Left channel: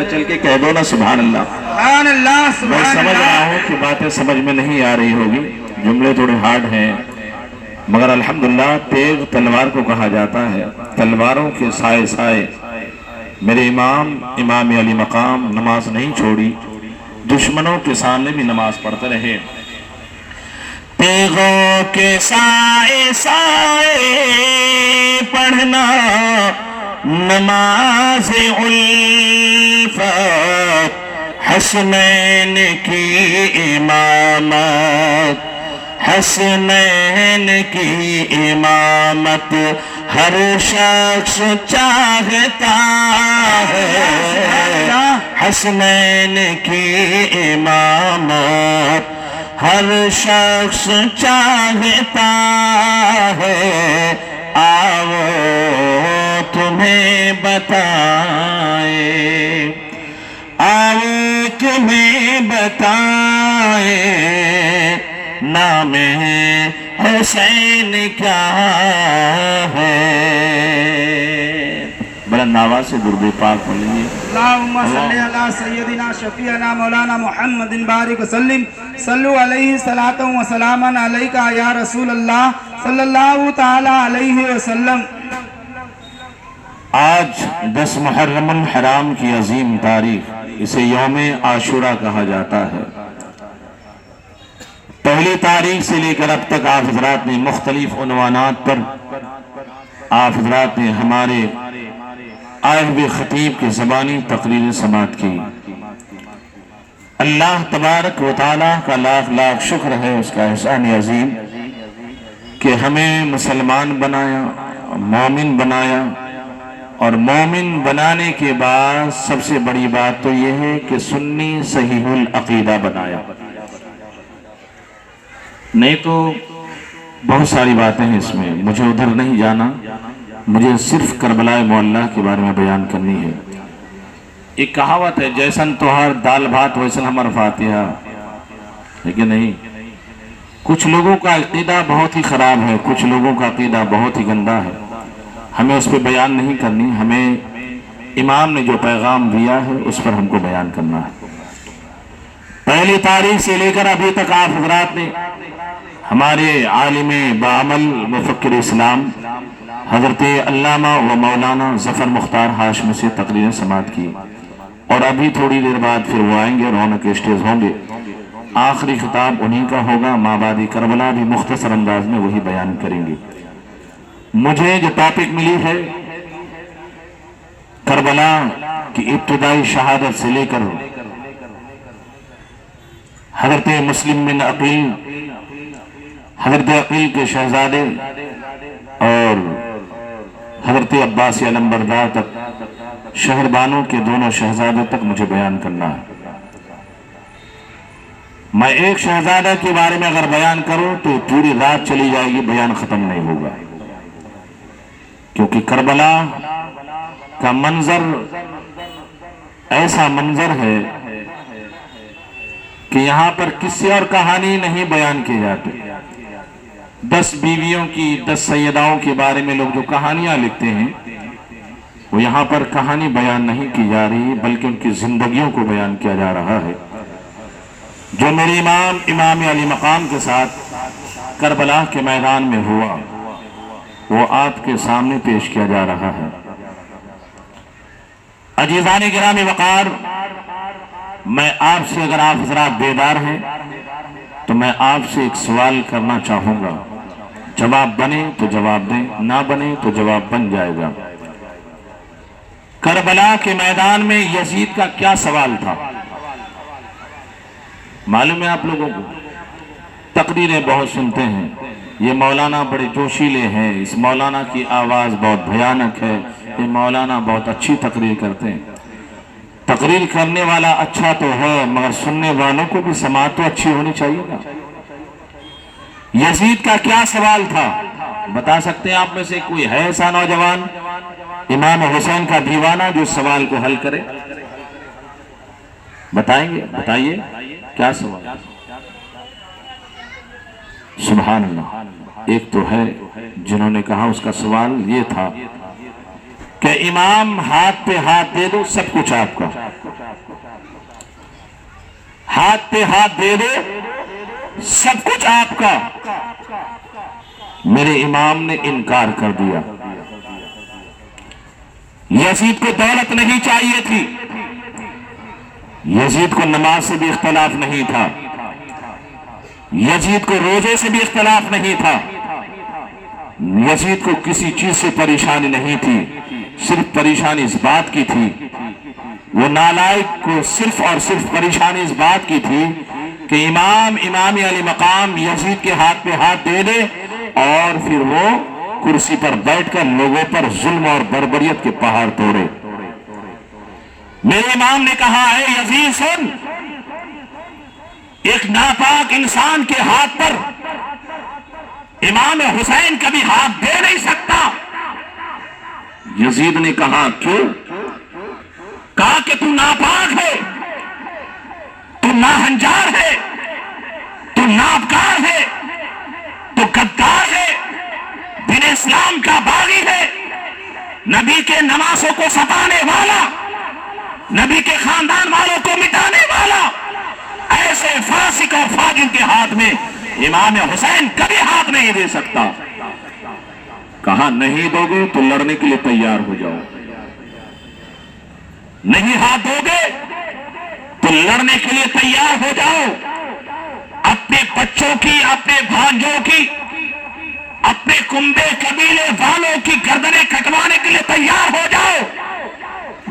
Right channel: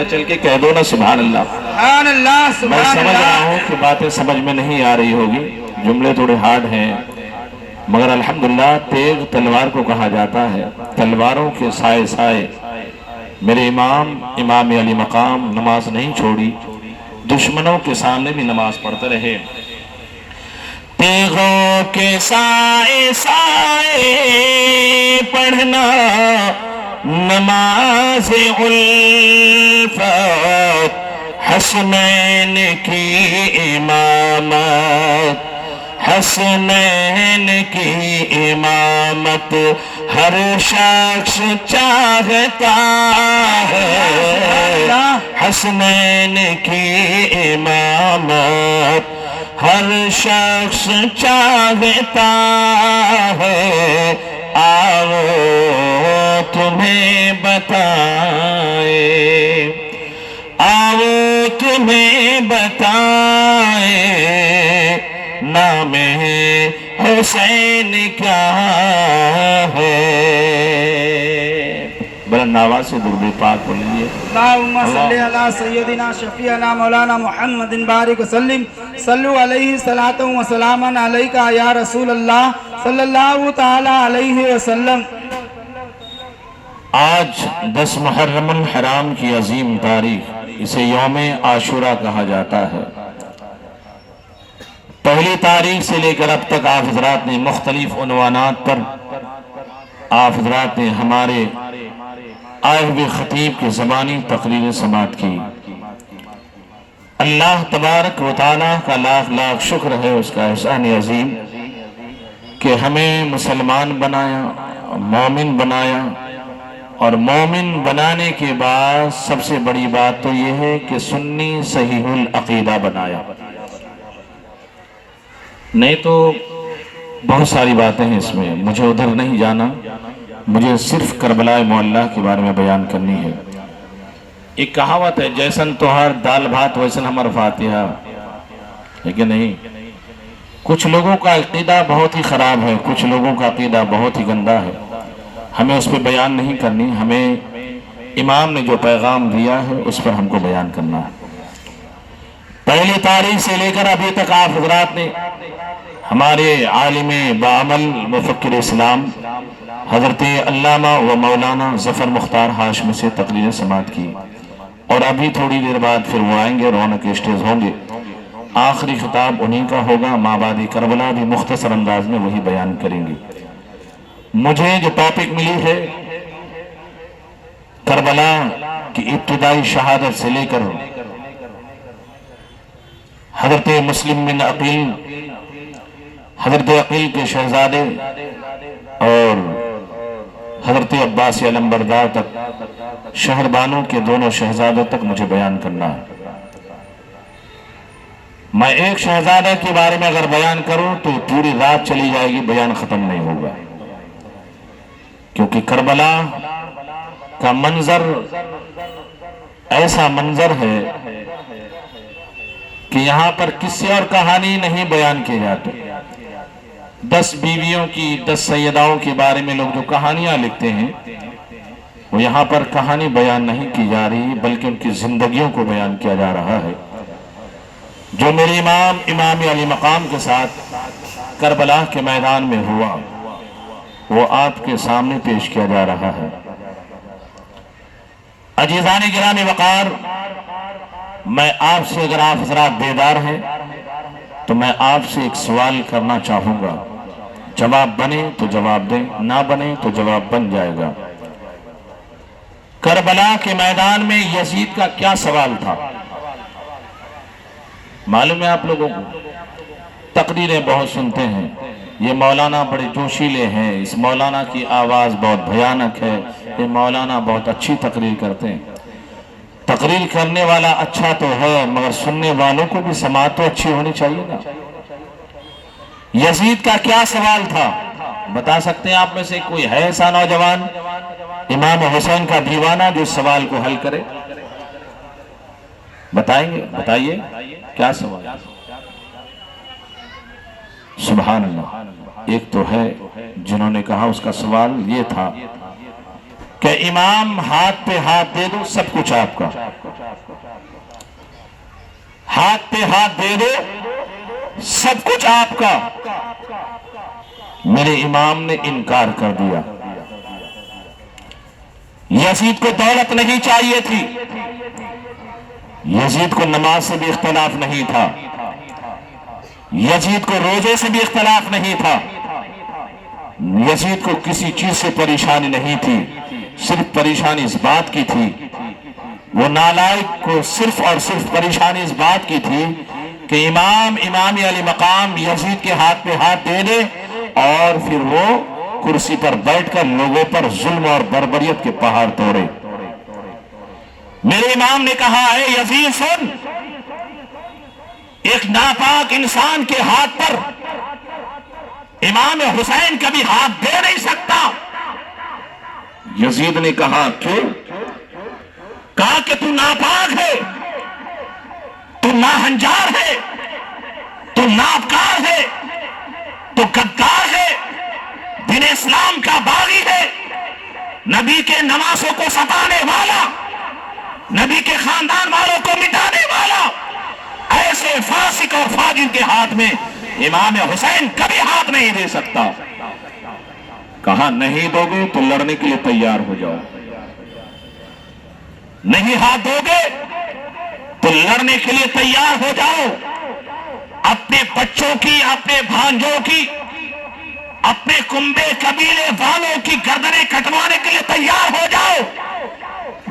میں چل کے کہہ دو نا سبحان اللہ۔ سبحان اللہ میں سبحان سمجھ رہا اللہ۔ ہوں کہ باتیں سمجھ میں نہیں آ رہی ہوگی، جملے تھوڑے ہارڈ ہیں، مگر الحمدللہ تیغ تلوار کو کہا جاتا ہے۔ تلواروں کے سائے سائے میرے امام علی مقام نماز نہیں چھوڑی، دشمنوں کے سامنے بھی نماز پڑھتے رہے۔ تیغوں کے سائے سائے پڑھنا نماز الفت، حسنین کی امامت، حسنین کی امامت ہر شخص چاہتا ہے، حسنین کی امامت ہر شخص چاہتا ہے۔ آؤ تمہیں بتائیں، آؤ تمہیں بتائیں، نام حسین کیا ہے۔ بلند آواز سے درود پاک پڑھیے۔ اللہم صلی علی سیدنا شفیعنا مولانا محمد بارک وسلم، صلو علیہ صلاۃ و سلاما علیکہ یا رسول اللہ صلی اللہ تعالی علیہ وسلم۔ آج 10 محرم الحرام کی عظیم تاریخ، اسے یوم عاشورہ کہا جاتا ہے۔ پہلی تاریخ سے لے کر اب تک آپ حضرات نے مختلف عنوانات پر آپ حضرات نے ہمارے آئے ہوئے خطیب کے زبانی تقریر سماعت کی۔ اللہ تبارک و تعالیٰ کا لاکھ لاکھ شکر ہے، اس کا احسان عظیم کہ ہمیں مسلمان بنایا، مومن بنایا، اور مومن بنانے کے بعد سب سے بڑی بات تو یہ ہے کہ سنی صحیح العقیدہ بنایا۔ نہیں تو بہت ساری باتیں ہیں اس میں، مجھے ادھر نہیں جانا، مجھے صرف کربلا معلیٰ کے بارے میں بیان کرنی ہے۔ ایک کہاوت ہے، جیسن توہار دال بھات ویسن ہمار فاتحہ، ہے کہ نہیں؟ کچھ لوگوں کا عقیدہ بہت ہی خراب ہے، کچھ لوگوں کا عقیدہ بہت ہی گندا ہے، ہمیں اس پہ بیان نہیں کرنی، ہمیں امام نے جو پیغام دیا ہے اس پر ہم کو بیان کرنا ہے۔ پہلی تاریخ سے لے کر ابھی تک آپ حضرات نے ہمارے عالم بعمل مفکر اسلام حضرت علامہ و مولانا ظفر مختار ہاشمی سے تقریر سماعت کی، اور ابھی تھوڑی دیر بعد پھر وہ آئیں گے، رونق اسٹیج ہوں گے۔ آخری خطاب انہی کا ہوگا، مابعد کربلا بھی مختصر انداز میں وہی بیان کریں گے۔ مجھے جو ٹاپک ملی ہے کربلا کی ابتدائی شہادت سے لے کر حضرت مسلم بن عقیل، حضرت عقیل کے شہزادے اور حضرت عباس علمبردار تک، شہر بانوں کے دونوں شہزادوں تک مجھے بیان کرنا ہے۔ میں ایک شہزادہ کے بارے میں اگر بیان کروں تو پوری رات چلی جائے گی، بیان ختم نہیں ہوگا، کیونکہ کربلا کا منظر ایسا منظر ہے کہ یہاں پر کسی اور کہانی نہیں بیان کی جاتی۔ 10 بیویوں کی، 10 سیداؤں کے بارے میں لوگ جو کہانیاں لکھتے ہیں، وہ یہاں پر کہانی بیان نہیں کی جا رہی، بلکہ ان کی زندگیوں کو بیان کیا جا رہا ہے۔ جو میرے امام علی مقام کے ساتھ کربلا کے میدان میں ہوا، وہ آپ کے سامنے پیش کیا جا رہا ہے۔ عزیزان گرامی وقار، میں آپ سے، اگر آپ حضرات بیدار ہیں تو میں آپ سے ایک سوال کرنا چاہوں گا، جواب بنے تو جواب دیں، نہ بنے تو جواب بن جائے گا۔ کربلا کے میدان میں یزید کا کیا سوال تھا؟ معلوم ہے آپ لوگوں کو؟ تقریریں بہت سنتے ہیں، یہ مولانا بڑے جوشیلے ہیں، اس مولانا کی آواز بہت بھیانک ہے، یہ مولانا بہت اچھی تقریر کرتے ہیں۔ تقریر کرنے والا اچھا تو ہے، مگر سننے والوں کو بھی سماعت تو اچھی ہونی چاہیے نا۔ یزید کا کیا سوال تھا؟ بتا سکتے ہیں آپ میں سے کوئی ہے ایسا نوجوان امام حسین کا دیوانہ جو اس سوال کو حل کرے؟ بتائیں گے؟ بتائیے کیا سوال؟ سبحان اللہ۔ ایک تو ہے جنہوں نے کہا، اس کا سوال یہ تھا کہ امام ہاتھ پہ ہاتھ دے دو سب کچھ آپ کا، ہاتھ پہ ہاتھ دے دو سب کچھ آپ کا۔ میرے امام نے انکار کر دیا۔ یزید کو دولت نہیں چاہیے تھی، یزید کو نماز سے بھی اختلاف نہیں تھا، یزید کو روزے سے بھی اختلاف نہیں تھا، یزید کو کسی چیز سے پریشانی نہیں تھی، صرف پریشانی اس بات کی تھی، وہ نالائق کو صرف اور صرف پریشانی اس بات کی تھی کہ امام علی مقام یزید کے ہاتھ پہ ہاتھ دے دے اور پھر وہ کرسی پر بیٹھ کر لوگوں پر ظلم اور بربریت کے پہاڑ توڑے۔ میرے امام نے کہا اے یزید سن، ایک ناپاک انسان کے ہاتھ پر امام حسین کبھی ہاتھ دے نہیں سکتا۔ یزید نے کہا کیوں؟ کہا کہ تو ناپاک ہے، تو ناہنجار ہے، تو نابکار ہے، تو غدار ہے، دین اسلام کا باغی ہے، نبی کے نواسوں کو ستانے والا، نبی کے خاندان والوں کو مٹانے والا، ایسے فاسق اور فاجر کے ہاتھ میں امام حسین کبھی ہاتھ نہیں دے سکتا۔ کہا نہیں دو گے تو لڑنے کے لیے تیار ہو جاؤ، نہیں ہاتھ دو گے تو لڑنے کے لیے تیار ہو جاؤ، اپنے بچوں کی، اپنے بھانجوں کی، اپنے کنبے قبیلے والوں کی گردنیں کٹوانے کے لیے تیار ہو جاؤ۔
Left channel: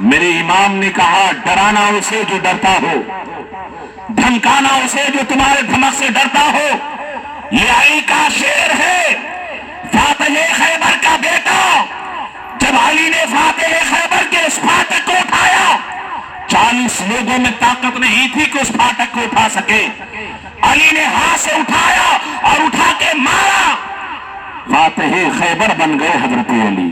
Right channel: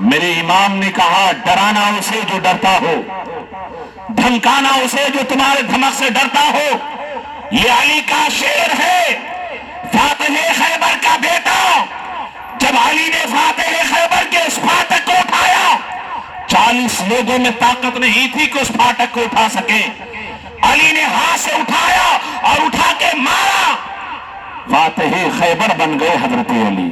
میرے امام نے کہا ڈرانا اسے جو ڈرتا ہو، دھمکانا اسے جو تمہارے دھمک سے ڈرتا ہو۔ یہ علی کا شعر ہے، فاتح خیبر کا بیٹا۔ جب علی نے فاتح خیبر کے اس فاتح کو اٹھایا، 40 لوگوں میں طاقت نہیں تھی کہ اس فاتح کو اٹھا سکے، علی نے ہاتھ سے اٹھایا اور اٹھا کے مارا، فاتح خیبر بن گئے حضرت علی۔